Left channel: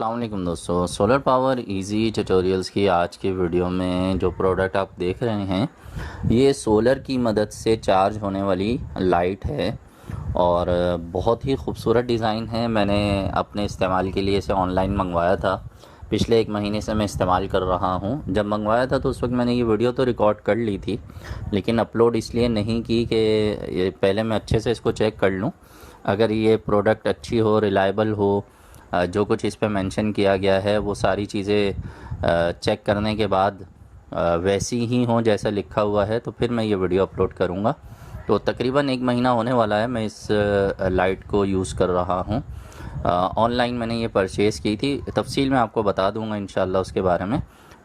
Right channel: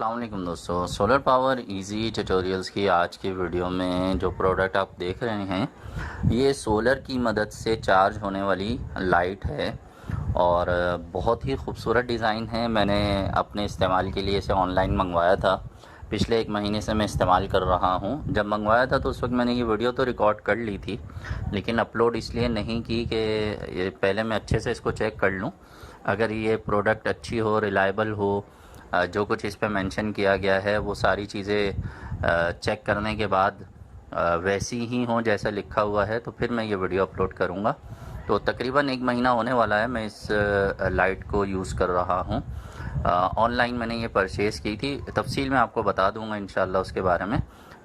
अस्सलाम वालेकुम दोस्तों, सोलर पावर इजी ट्यूटोरियल्स की आज की वीडियो में जो प्रोडक्ट आप देख रहे हैं ये सोलर की मदद से चार्ज होने वाली लाइट है और बहुत ही खूबसूरत डिज़ाइन है। मैंने अपने इस्तेमाल के लिए इसे ऑनलाइन मंगवाया था। पिछले 1 महीने से मैं इस्तेमाल कर रहा हूँ। जब मंगवाया था तो उस वक्त मैंने ये वीडियो तो रिकॉर्ड कर ली थी, लेकिन अपलोड इसलिए नहीं की कि पहले मैं अच्छे से इसको चेक कर लूँ। अगर ये प्रोडक्ट अच्छी हो, रिलायबल हो, जो कुछ इस पे मेंशन किया गया है वो सारी चीज़ें चेक करने के बाद वैसी ही हों जैसा लिखा हुआ है तो फिर मैं ये वीडियो अपलोड करूँगा। तो तकरीबन 1 महीना होने वाला है मैं इस लाइट को यूज़ कर रहा हूँ। ऑनलाइन मैंने ये परचेज़ की थी, तफसील मैं आपको बता दूँगा इंशाल्लाह उसके बारे में।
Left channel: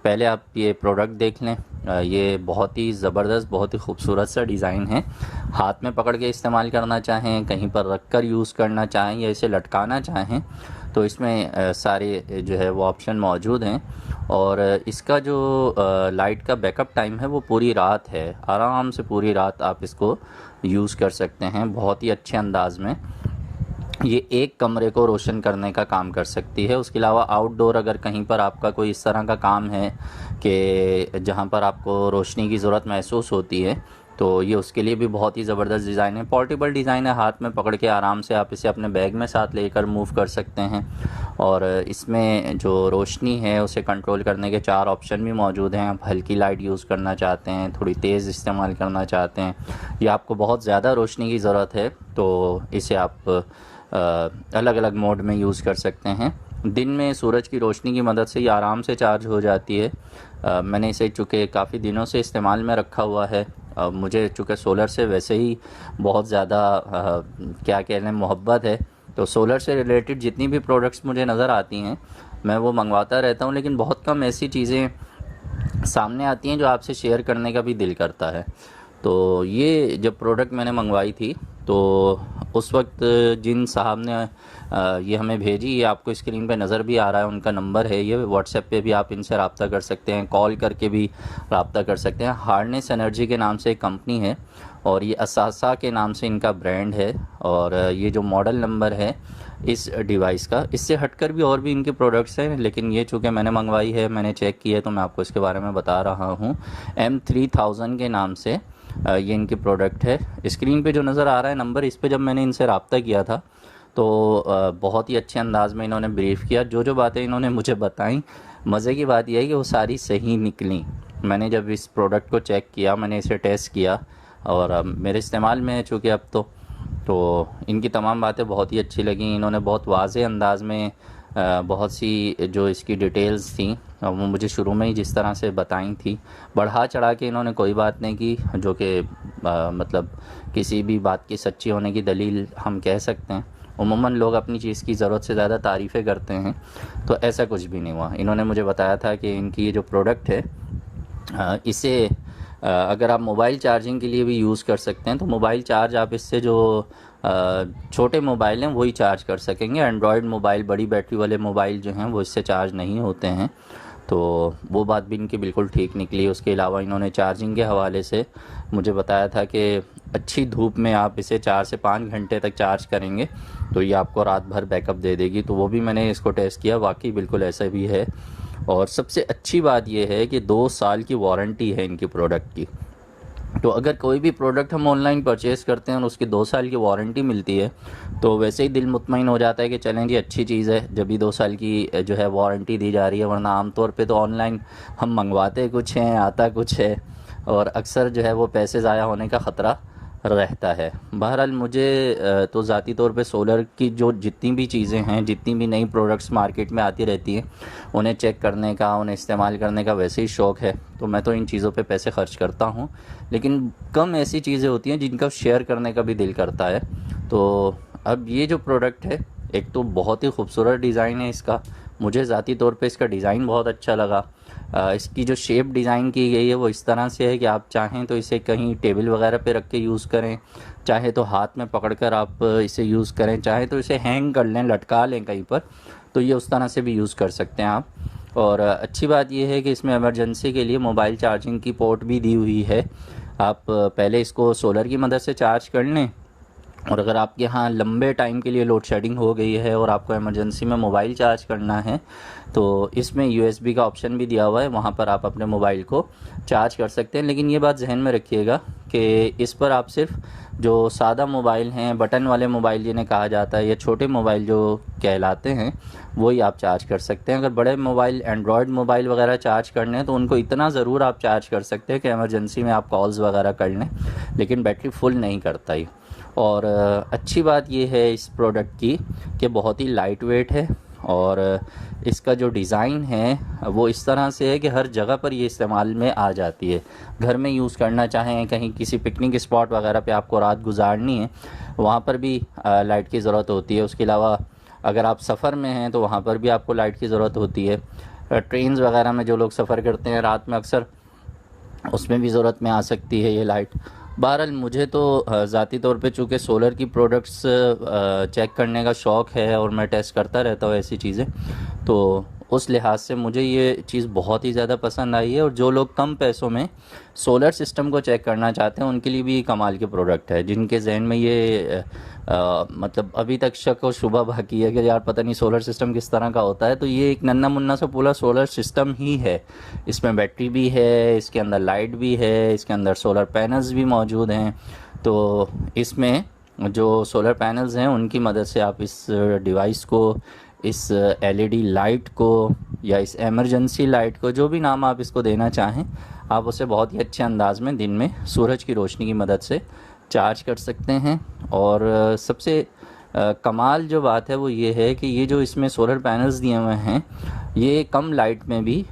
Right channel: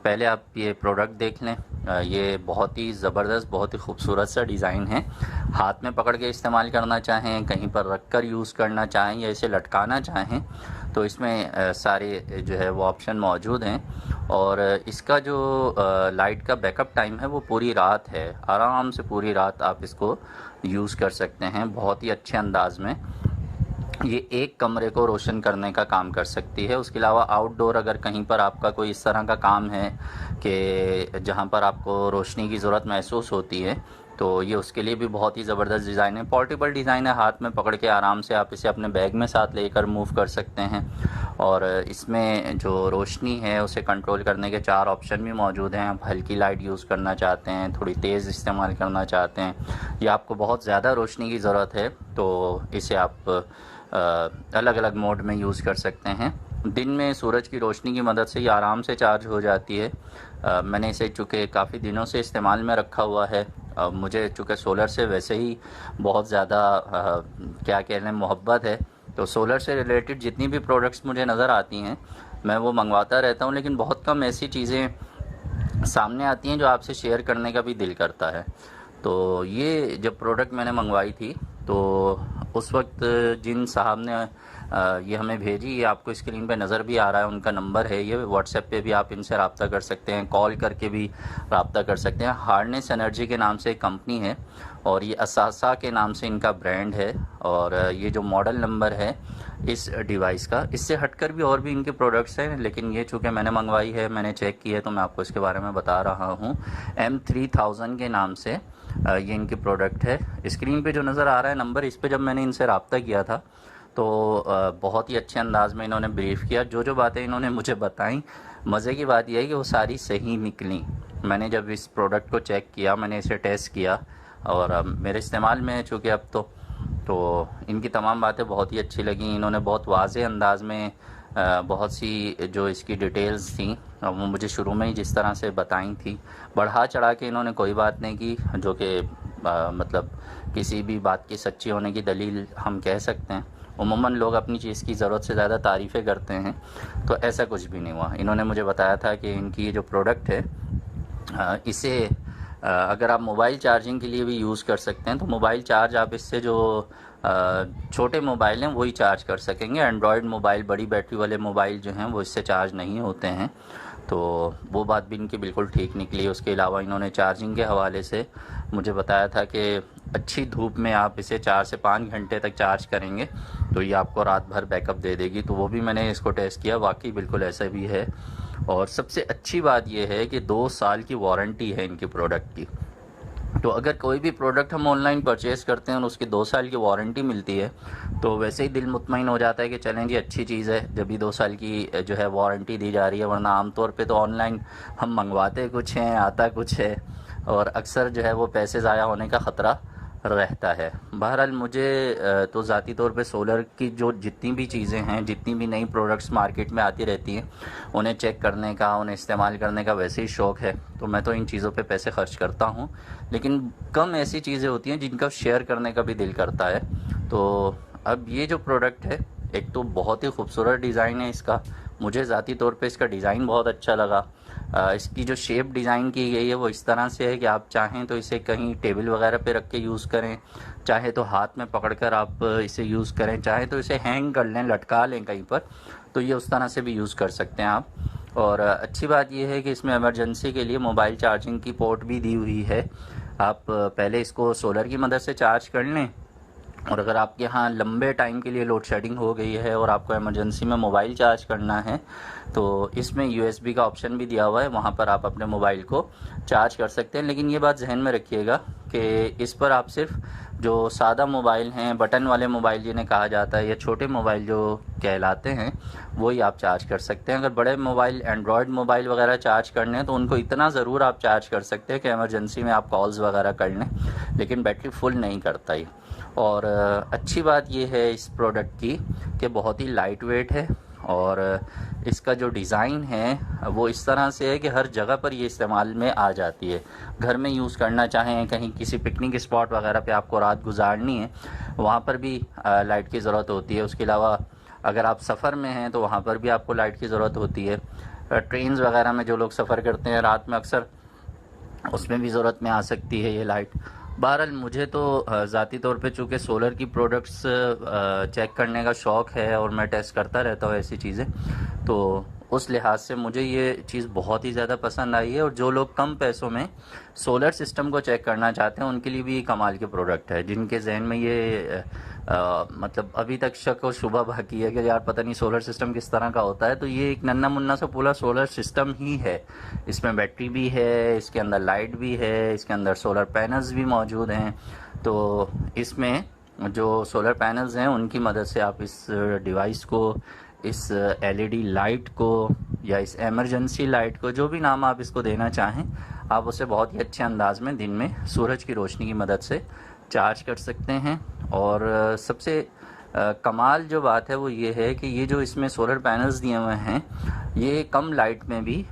पहले आप ये प्रोडक्ट देख लें। ये बहुत ही ज़बरदस्त, बहुत ही खूबसूरत सा डिज़ाइन है। हाथ में पकड़ के इस्तेमाल करना चाहें, कहीं पर रख कर यूज़ करना चाहें या इसे लटकाना चाहें तो इसमें सारे जो है वो ऑप्शन मौजूद हैं। और इसका जो लाइट का बैकअप टाइम है वो पूरी रात है। आराम से पूरी रात आप इसको यूज़ कर सकते हैं बहुत ही अच्छे अंदाज में। ये एक कमरे को रोशन करने का काम कर सकती है। उसके अलावा आउटडोर अगर कहीं पर आपका कोई इस तरह का काम है कि जहाँ पर आपको रोशनी की ज़रूरत महसूस होती है तो ये उसके लिए भी बहुत ही ज़बरदस्त डिज़ाइन है। पोर्टेबल डिज़ाइन है, हाथ में पकड़ के आराम से आप इसे अपने बैग में साथ लेकर मूव कर सकते हैं। और इसमें जो रोशनी है उसे कंट्रोल करने के 4 ऑप्शन भी मौजूद हैं। आप हल्की लाइट यूज़ करना चाहते हैं, थोड़ी तेज़ इस्तेमाल करना चाहते हैं, या आपको बहुत ज़्यादा रोशनी की ज़रूरत है तो इसे आप अलग अलग मोड में यूज़ कर सकते हैं। दिन में सूरज की रोशनी की मदद से ये आराम से चार्ज हो जाती है। मैंने इसे चूँकि काफ़ी दिनों से इस्तेमाल में रखा हुआ है। मुझे चूँकि सोलर से वैसे ही बहुत ज़्यादा क्या कह लें मोहब्बत है, तो सोलर से रिलेटेड जितनी भी प्रोडक्ट्स मुझे नज़र आती हैं मैं वो मंगवाता रहता हूँ। लेकिन बहुत कम ऐसी चीज़ें सामने आती हैं जो आपसे शेयर करने का भी दिल करता है। तो ये जब प्रोडक्ट मैंने मंगवाई थी तो उस वक्त जिन साहब ने ये हमें भेजी, ये आपको स्क्रीन पे नज़र भी आ रहा है, उनका नंबर है ये। व्हाट्सएप पे भी आप इनसे रब्ता कर सकते हैं, कॉल करके भी रब्ता कर सकते हैं। हार्नेस एनर्जी के नाम से एक कंपनी है और ये असासा के नाम से इनका ब्रांड है। और ये जो मॉडल नंबर है इस डिवाइस का, इससे हटकर भी और भी इनके प्रोडक्ट्स हैं, लेकिन ये चूँकि मैंने मंगवाई है, मैंने चेक किया है, तो मैं आपको इसके बारे में बता रहा हूँ। M3000 के नाम से ये इनके प्रोडक्ट है। स्क्रीन पे जो नज़र आ रहा है नंबर, इस पे जब मैंने इनसे रब्ता किया था तो बहुत ही अच्छे अंदाज में इन्होंने ब्रीफ़ किया। जो जो बातें इन्होंने मुझे बताई, मज़े की बात यह है कि वो सारी सही निकली। मैंने जब इस प्रोडक्ट को चेक किया, मैंने इसे टेस्ट किया और मेरे इस्तेमाल में है चूँकि अब तो इनकी तमाम बातें बहुत ही अच्छी लगी। इन्होंने बहुत वाज़े अंदाज में बहुत सी जो इसकी डिटेल्स थी वो मुझे शुरू में ही जिस तरह से बताई थी, बढ़ा चढ़ा के इन्होंने कोई बात नहीं की जो कि मतलब किसी भी बात की सच्ची होने की दलील हम कह सकते हैं। उमूमन लोग अपनी चीज़ की ज़रूरत से ज़्यादा तारीफ़ें करते हैं, तो ऐसा कुछ भी नहीं हुआ। इन्होंने मुझे बताया था कि इनकी ये जो प्रोडक्ट है इसे अगर आप मोबाइल चार्जिंग के लिए भी यूज़ कर सकते हैं, तो मोबाइल चार्ज आप इससे जो छोटे मोबाइल हैं वही चार्ज कर सकेंगे। एंड्रॉयड मोबाइल, बड़ी बैटरी वाले मोबाइल जो हैं वो इससे चार्ज नहीं होते हैं, तो वो बात भी इनकी बिल्कुल ठीक निकली। उसके अलावा इन्होंने चार्जिंग के हवाले से मुझे बताया था कि अच्छी धूप में आप इसे 4 से 5 घंटे तक चार्ज करेंगे तो ये आपको रात भर बैकअप दे देगी। तो वो भी मैंने इसको टेस्ट किया, वाकई बिल्कुल ऐसा भी है। और सबसे अच्छी बात यह है कि 2 साल की वारंटी है इनकी प्रोडक्ट की। तो अगर कोई भी प्रोडक्ट हम ऑनलाइन परचेज़ करते हैं और उसकी 2 साल की वारंटी मिलती है तो वैसे ही दिल मुतमईन हो जाता है कि चलें जी, अच्छी चीज़ है जब भी 2 साल की जो है वारंटी दी जा रही है। वरना आमतौर पे तो ऑनलाइन हम मंगवाते कुछ हैं, आता कुछ है, और अक्सर जो है वो पैसे ज़ाया होने का ख़तरा रहता है। बहरहाल मुझे तो ज़ाती तौर पे सोलर की जो जितनी भी चीज़ें हैं, जितनी भी नई प्रोडक्ट्स मार्केट में आती रहती हैं, उन्हें चेक करने का, उन्हें इस्तेमाल करने का वैसे ही शौक़ है। तो मैं तो इन चीज़ों पे पैसे ख़र्च करता हूँ, लेकिन कम ऐसी चीज़ें होती हैं जिनका शेयर करने का भी दिल करता है। तो अब ये जो प्रोडक्ट है, एक तो बहुत ही खूबसूरत डिज़ाइन है इसका, मुझे ज़ाती तौर पे इसका डिज़ाइन बहुत अच्छा लगा। इसकी जो शेप डिज़ाइन की गई है वो इस तरह से है कि आप चाहें तो इसे कहीं टेबल वगैरह पे रख के यूज़ करें, चाहे तो हाथ में पकड़कर आप इसे यूज़ करें, चाहे तो इसे हैंग कर लें, लटका लें कहीं पर, तो ये उस तरह से भी यूज़ कर सकते हैं आप। और अच्छी बात यह है कि इसमें इमरजेंसी के लिए मोबाइल चार्जिंग की पोर्ट भी दी हुई है। आप पहले इसको सोलर की मदद से चार्ज कर लें और अगर आपके यहाँ लंबे टाइम के लिए लोड शेडिंग हो गई है और आपको इमरजेंसी में मोबाइल चार्ज करना है तो इसमें USB का ऑप्शन भी दिया हुआ है, वहाँ पर आप अपने मोबाइल को चार्ज कर सकते हैं। लेकिन ये बात जहन में रखिएगा कि इस पर आप सिर्फ जो सादा मोबाइल हैं, बटन वाले मोबाइल जिन्हें कहा जाता है, या छोटे मोबाइल जो कहलाते हैं, वही आप चार्ज कर सकते हैं। अगर बड़े मोबाइल, एंड्रॉयड मोबाइल वगैरह चार्ज करने हैं तो उनको इतना ज़रूर आप चार्ज कर सकते हैं कि इमरजेंसी में आप कॉल्स वगैरह कर लें, लेकिन बैटरी फुल नहीं करता ये। और अच्छी बात ये है इस प्रोडक्ट की कि बहुत ही लाइट वेट है, और इसका जो डिज़ाइन है वो इस तरह से है कि हर जगह पर ये इस्तेमाल में आ जाती है। घर में यूज़ करना चाहें, कहीं किसी पिकनिक स्पॉट वगैरह पे आपको रात गुजारनी है, वहाँ पर भी लाइट की ज़रूरत होती है। उसके अलावा अगर आप सफ़र में हैं तो वहाँ पर भी आपको लाइट की ज़रूरत होती है। ट्रेन्स वगैरह में जो लोग सफ़र करते हैं रात में, अक्सर उसमें भी ज़रूरत में आ सकती है ये लाइट। बहरहाल मुझे तो ज़ाती तौर पे चूँकि सोलर की प्रोडक्ट्स चेक करने का शौक़ है और मैं टेस्ट करता रहता हूँ ऐसी चीज़ें, तो उस लिहाज से मुझे ये चीज़ बहुत ही ज़्यादा पसंद आई है। और जो लोग कम पैसों में सोलर सिस्टम को चेक करना चाहते हैं उनके लिए भी ये कमाल के प्रोडक्ट है। जिनके जहन में ये मतलब अभी तक शक और शुबा बाकी है कि यार पता नहीं सोलर सिस्टम किस तरह का होता है, तो ये एक नन्ना मुन्ना सा पूरा सोलर सिस्टम ही है। इसमें बैटरी भी है, इसके अंदर लाइट भी है, इसके अंदर सोलर पैनल्स भी मौजूद हैं। तो इसमें जो सोलर पैनल्स हैं उनकी मदद से आप इस डिवाइस को, इस LED लाइट को, या इस एमरजेंसी लाइट को, जो भी नाम आप इसको देना चाहें, आप उसे बहुत ही अच्छे अंदाज में दिन में सूरज की रोशनी की मदद से चार्ज कर सकते हैं। और सबसे कमाल जो बात है वो ये है कि ये जो इसमें सोलर पैनल्स दिए हुए हैं ये कम लाइट में भी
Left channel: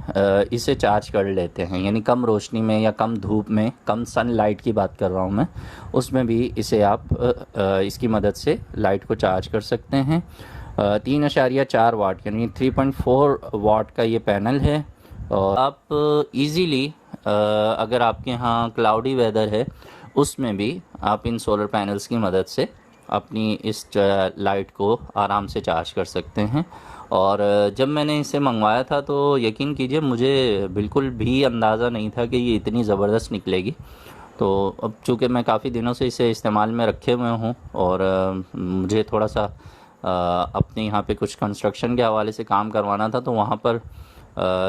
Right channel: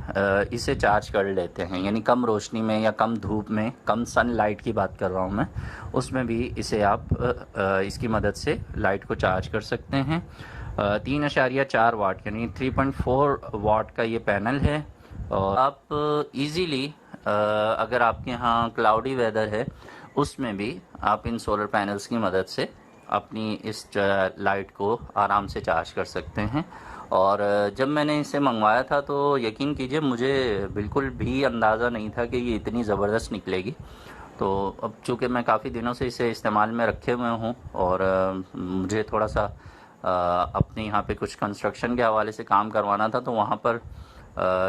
इसे चार्ज कर लेते हैं, यानी कम रोशनी में या कम धूप में, कम सनलाइट की बात कर रहा हूँ मैं, उसमें भी इसे आप इसकी मदद से लाइट को चार्ज कर सकते हैं। 3.4 वाट यानी 3.4 वाट का ये पैनल है। और आप इजीली अगर आपके यहाँ क्लाउडी वेदर है उसमें भी आप इन सोलर पैनल्स की मदद से अपनी इस लाइट को आराम से चार्ज कर सकते हैं। और जब मैंने इसे मंगवाया था तो यकीन कीजिए मुझे बिल्कुल भी अंदाज़ा नहीं था कि ये इतनी ज़बरदस्त निकलेगी। तो अब चूँकि मैं काफ़ी दिनों से इसे इस्तेमाल में रखे हुए हूँ और मुझे थोड़ा सा अपने यहाँ पे कुछ कंस्ट्रक्शन के हवाले से काम करवाना था, तो वहाँ पर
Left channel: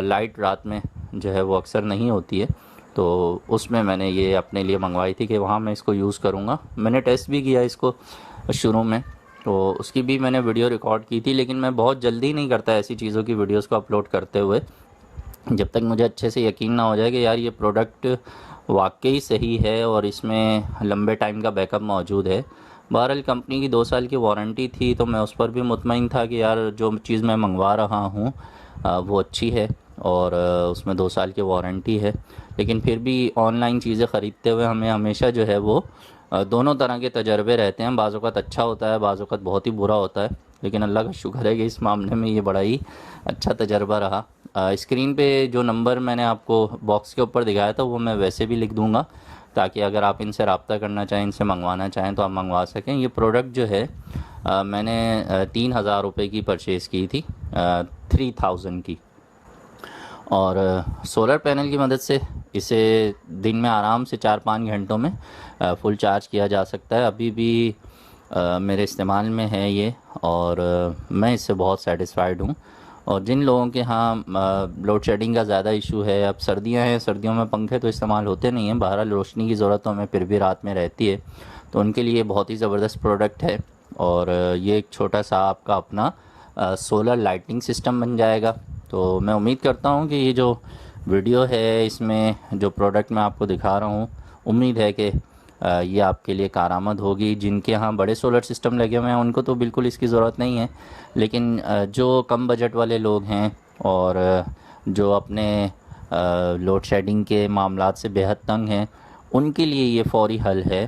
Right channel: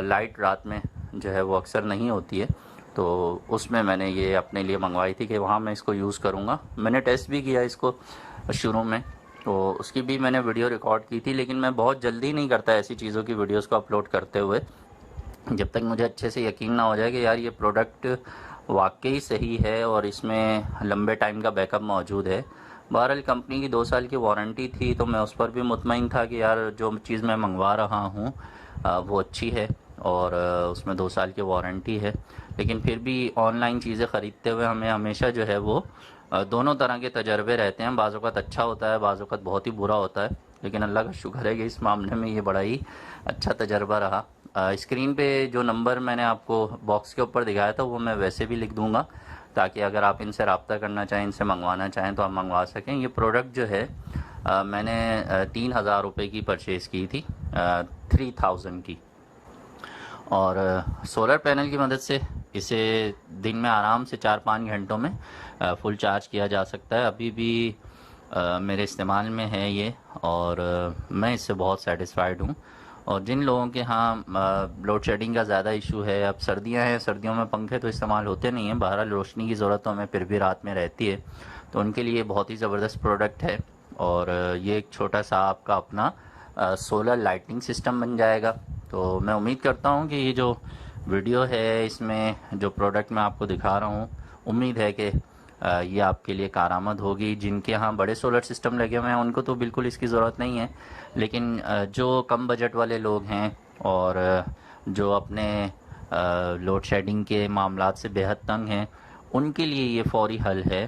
लाइट रात में जो है वो अक्सर नहीं होती है, तो उसमें मैंने ये अपने लिए मंगवाई थी कि वहाँ मैं इसको यूज़ करूँगा। मैंने टेस्ट भी किया इसको शुरू में, तो उसकी भी मैंने वीडियो रिकॉर्ड की थी, लेकिन मैं बहुत जल्दी नहीं करता ऐसी चीज़ों की वीडियोस को अपलोड करते हुए जब तक मुझे अच्छे से यकीन ना हो जाए कि यार ये प्रोडक्ट वाकई सही है और इसमें लंबे टाइम का बैकअप मौजूद है। बहरहाल कंपनी की 2 साल की वारंटी थी, तो मैं उस पर भी मुतमईन था कि यार जो चीज़ मैं मंगवा रहा हूँ वो अच्छी है और उसमें 2 साल की वारंटी है। लेकिन फिर भी ऑनलाइन चीज़ें ख़रीदते हुए हमें हमेशा जो है वो दोनों तरह के तजर्बे रहते हैं। बाज़ औक़ात अच्छा होता है, बाज़ औक़ात बहुत ही बुरा होता है, लेकिन अल्लाह का शुक्र है कि इस मामले में ये बड़ा ही अच्छा तजर्बा रहा। स्क्रीन पे जो नंबर मैंने आपको बॉक्स के ऊपर दिखाया था वो मैं वैसे भी लिख दूँगा, ताकि अगर आप इनसे रब्ता करना चाहें, इनसे मंगवाना चाहें तो आप मंगवा सकें। ये प्रोडक्ट जो है मैंने 3,000 रुपये की परचेज़ की थी, 3,000 की। और सोलर पैनल की मदद से इसे दिन में आराम से 4-5 घंटों में फुल चार्ज किया जा सकता है। अभी भी मेरे इस्तेमाल में है ये, और मैं इससे बहुत सेटिस्फाइड हूँ। और जिन लोगों के यहाँ लोड शेडिंग का ज़्यादा इशू है, अब सर्दियाँ हैं, सर्दियों में पंखे तो इस्तेमाल होते नहीं हैं, बहरहाल रोशनी की ज़रूरत तो हमें फिर भी रात में रहती है, तो उनके लिए बहुत ही ज़बरदस्त प्रोडक्ट है। और ये एक छोटा सा आपका अपना सोलर लाइटिंग सिस्टम बन जाएगा। तो मैं उम्मीद करता हूँ कि ये जो वीडियो है इसमें जो प्रोडक्ट मैं आपको दिखा रहा हूँ, उम्मीद है कि ये आपके लिए कारआमद होगी। जिनके यहाँ बड़े सोलर सिस्टम लगे हुए हैं उनको तो बिल्कुल इसकी ज़रूरत नहीं है, लेकिन जो कम बजट वाले लोग हैं और जो अपने लोड शेडिंग के मामलात से बेहद तंग हैं, उनके लिए ये फ़ौरी हल है।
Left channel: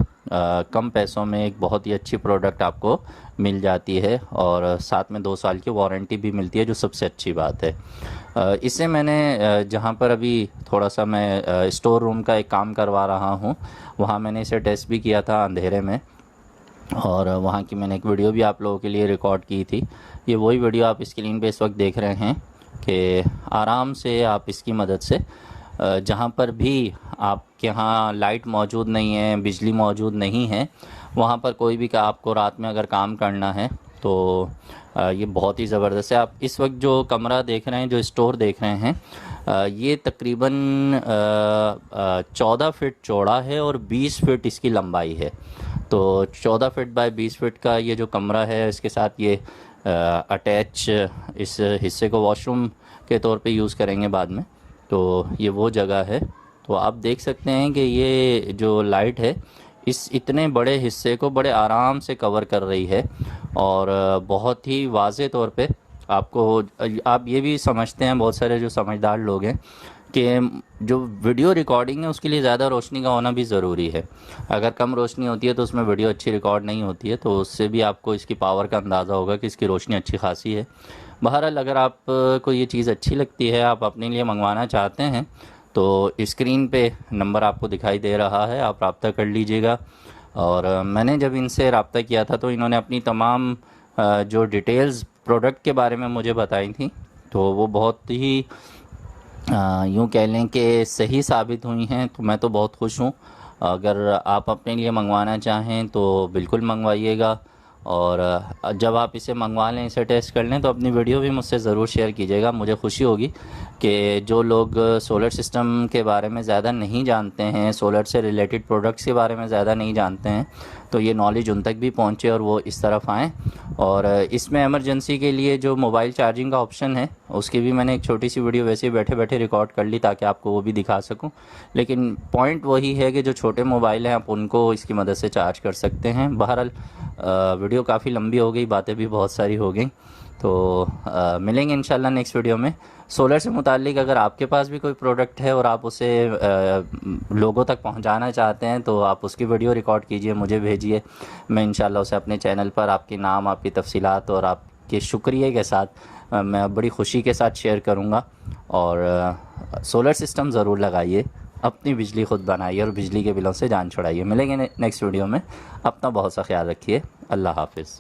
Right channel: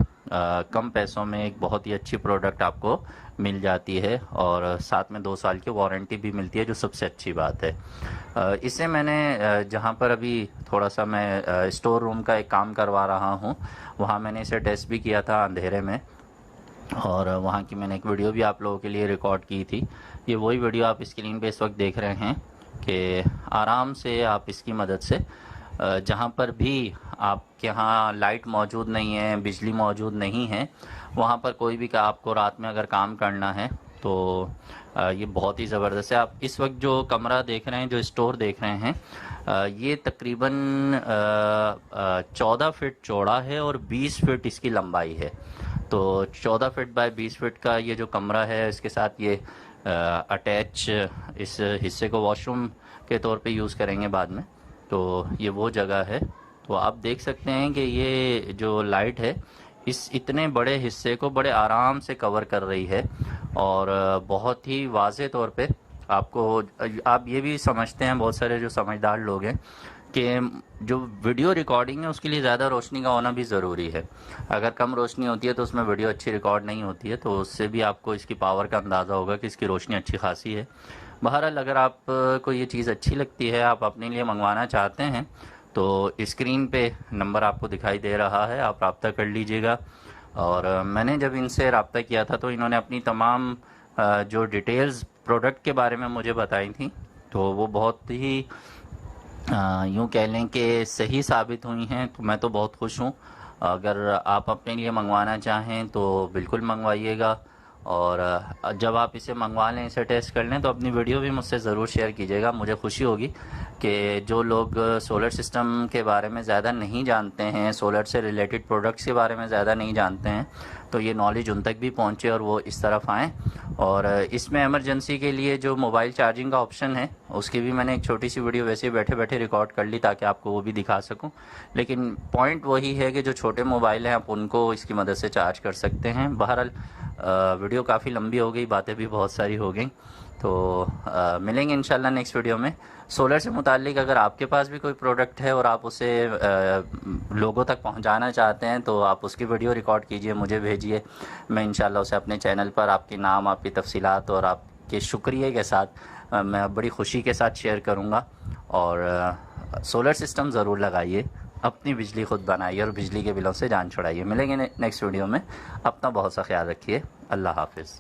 कम पैसों में एक बहुत ही अच्छी प्रोडक्ट आपको मिल जाती है और साथ में 2 साल की वारंटी भी मिलती है, जो सबसे अच्छी बात है। इसे मैंने जहाँ पर अभी थोड़ा सा मैं स्टोर रूम का एक काम करवा रहा हूँ, वहाँ मैंने इसे टेस्ट भी किया था अंधेरे में, और वहाँ की मैंने एक वीडियो भी आप लोगों के लिए रिकॉर्ड की थी। ये वही वीडियो आप स्क्रीन पे इस वक्त देख रहे हैं कि आराम से आप इसकी मदद से जहाँ पर भी आपके यहाँ लाइट मौजूद नहीं है, बिजली मौजूद नहीं है, वहाँ पर कोई भी का आपको रात में अगर काम करना है तो ये बहुत ही ज़बरदस्त है। आप इस वक्त जो कमरा देख रहे हैं, जो स्टोर देख रहे हैं, ये तकरीबन 14 फीट चौड़ा है और 20 फीट इसकी लंबाई है। तो 14 फीट बाय 20 फीट का ये जो कमरा है, इसके साथ ये अटैच इस हिस्से को वॉशरूम के तौर पे यूज़ करेंगे बाद में। तो ये वो जगह है। तो आप देख सकते हैं कि ये जो लाइट है इस इतने बड़े हिस्से को बड़े आराम से कवर कर रही है और बहुत ही वाज़े तौर पे आपको, आप ये भी समझते हैं, बहुत सारे जो समझदार लोग हैं, कि जो वीडियो रिकॉर्डिंग है उसके लिए ज़्यादा रोशनी का होना भी ज़रूरी है। अगर कम रोशनी होती है तो उसमें वीडियो अच्छी रिकॉर्ड नहीं होती है। तो उससे भी आपको इसकी पावर का अंदाज़ा होगा कि इसकी रोशनी अच्छी खासी है। बहरहाल अगर आपको ये चीज़ अच्छी लगती है, आप अपने लिए मंगवाना चाहते हैं, तो स्क्रीन पे नंबर आपको दिखाई दे रहा है, आप रब्ता कर लीजिएगा। और मैंने जब इनसे रब्ता किया था तो इन्होंने अपनी तमाम जो डिटेल्स प्रोडक्ट के बारे में मुझे बताई थी, तो वो बहुत ही यूँ कह लें कि सही साबित हुई हैं। तो मैं तो बहुत खुश हूँ। अगर आप अपने लिए मंगवाना चाहें तो बिल्कुल मंगवाइएगा। और जब आप इसे मंगवा लें, इसे टेस्ट कर लें, तो अपनी वीडियो भी मुझसे ज़रूर शेयर कीजिएगा। मुझे खुशी होगी कि जो लोग सोलर सिस्टम के बारे में ज़्यादा नहीं जानते हैं, सोलर से रिलेटेड प्रोडक्ट्स के बारे में ज़्यादा नहीं जानते हैं, तो ये नॉलेज उन तक भी पहुँचे और वो इस तरफ आएँ। और इसमें इमरजेंसी के लिए जो मोबाइल चार्जिंग का ऑप्शन है, उसकी भी मैंने एक छोटी सी वीडियो वैसे ही बैठे बैठे रिकॉर्ड कर ली ताकि आपको वो भी दिखा सकूं। लेकिन पॉइंट वही है कि जो छोटे मोबाइल हैं आप उनको इसकी मदद से चार्ज कर सकते हैं। बहरहाल वीडियो काफ़ी लंबी हो गई, बातें भी बहुत सारी हो गई। तो मिलेंगे इंशाल्लाह नेक्स्ट वीडियो में। सोलर से मुताल्लिक अगर आपके पास भी कोई प्रोडक्ट है और आप उसे लोगों तक पहुंचाना चाहते हैं तो आप उसकी वीडियो रिकॉर्ड कीजिए, मुझे भेजिए। मैं इंशाल्लाह उसे अपने चैनल पर आपके नाम, आपकी तफसीलात और आपके शुक्रिया के साथ मैं बड़ी ख़ुशी के साथ शेयर करूँगा। और सोलर सिस्टम ज़रूर लगाइए, अपनी बिजली ख़ुद बनाइए और बिजली के बिलों से जान छुड़ाइए। मिलेंगे नेक्स्ट वीडियो में। अपना बहुत सा ख्याल रखिए। अल्लाह हाफ़िज़।